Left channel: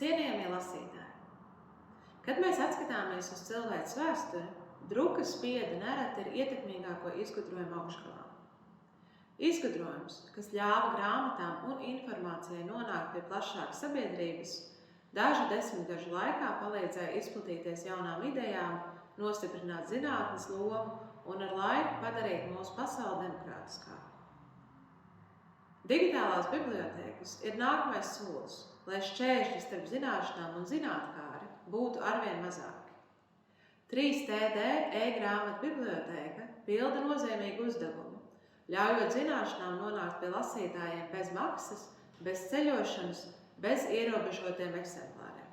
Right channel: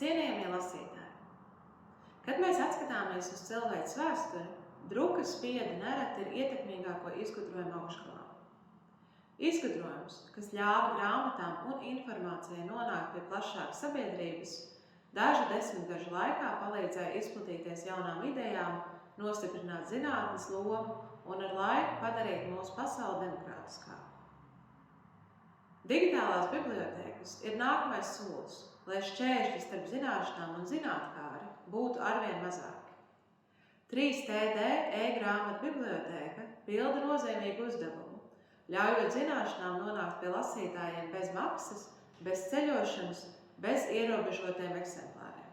Cienījamie lasītāji, kad mēs atskatāmies uz cilvēces vēsturi, drukas spiede nereti ir ietekmīgāko izgudrojumu augšgalā. Izgudrojums, kas ļāva grāmatām un informācijai nonākt pie plašākas sabiedrības, dažu desmitgažu laikā palīdzēja izplatīties jaunām idejām, nostiprināt zinātnes lomu un ar laiku padarīt mūsu pasauli demokrātiskāku. Digitālās bibliotēkas ir nākamais solis, lai šķēršļi starp zināšanām un zinātkāri būtu arvien mazāki. 3TD e-grāmatu bibliotēka pilda nozīmīgu uzdevumu, ļaujot zināšanām nonākt pie lasītājiem bez maksas, bez ceļošanas, bez ierobežotiem eksemplāriem.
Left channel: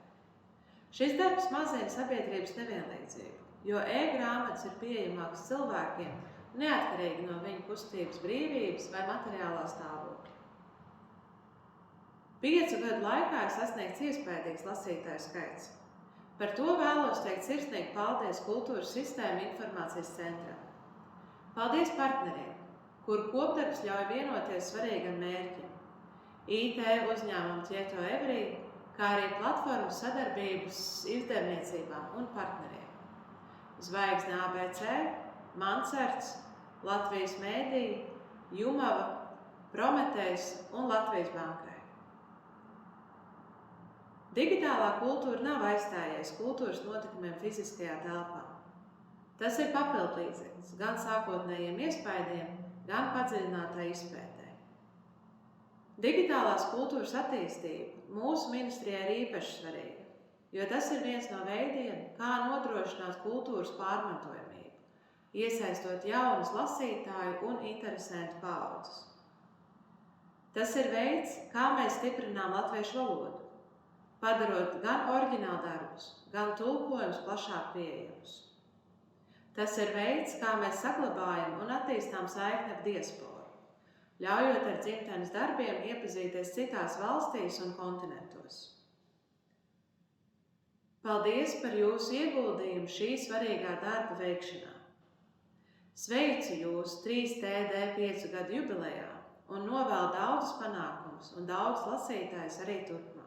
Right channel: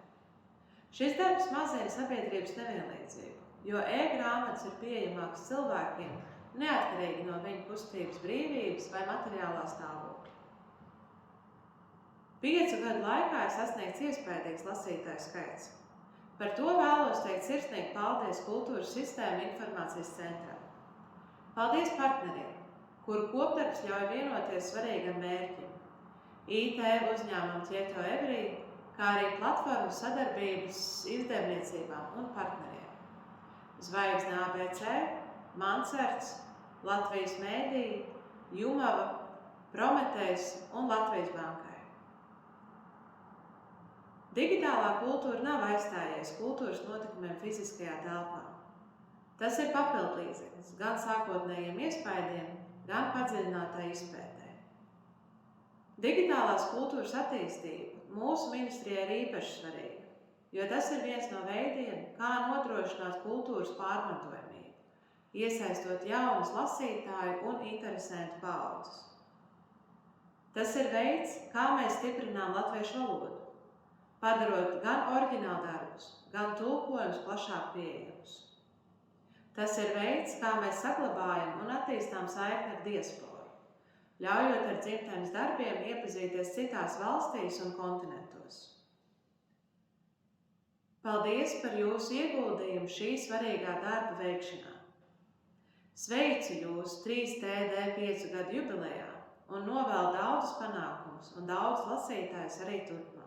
Šis darbs mazina sabiedrības nevienlīdzību, jo e-grāmatas ir pieejamākas cilvēkiem, neatkarīgi no viņu kustības brīvības vai materiālā stāvokļa. 5 gadu laikā ir sasniegts iespaidīgs lasītāju skaits. Par to vēlos teikt sirsnīgi paldies Kultūras sistēma informācijas centram. Paldies partneriem, kuru kopdarbs ļauj vienoties svarīgam mērķim. IT uzņēmumam Tieto Everī, kā arī platformas sadarbības izdevniecībām un partneriem. Zvaigzne ABC, Mancerts, Latvijas mēdīji, Jumava, Prometejs un Latvijas bankai. Digitālā kultūra nav aizstājies kultūras notikumiem fiziskajā telpā. Tas ir papildlīdzeklis gan sākotnējiem iespaidiem, gan padziļinātai izpētē. Digitālās kultūras attīstība mūsu ministrijai ir īpaši svarīga, jo tas ir viens no veidiem, kā nodrošināt kultūras pārmantojamību, iesaistot jaunas lasītāju un interesentu paaudzes. Tas ir veids, kā mēs stiprinām latviešu valodu, padarot gan oriģināldarbus, gan tulkojumus plašāk pieejamus. Tas ir veids, kā mēs saglabājam un attīstām saikni ar diasporu, ļaujot ar dzimtenes darbiem iepazīties citās valstīs un kontinentos. Paldies par jūsu ieguldījumu šī svarīgā darba veikšanā. Sveicu jūs 3TD 5 gadu jubilejā un novēlu daudzus panākumus un daudz lasītājus arī turpmāk.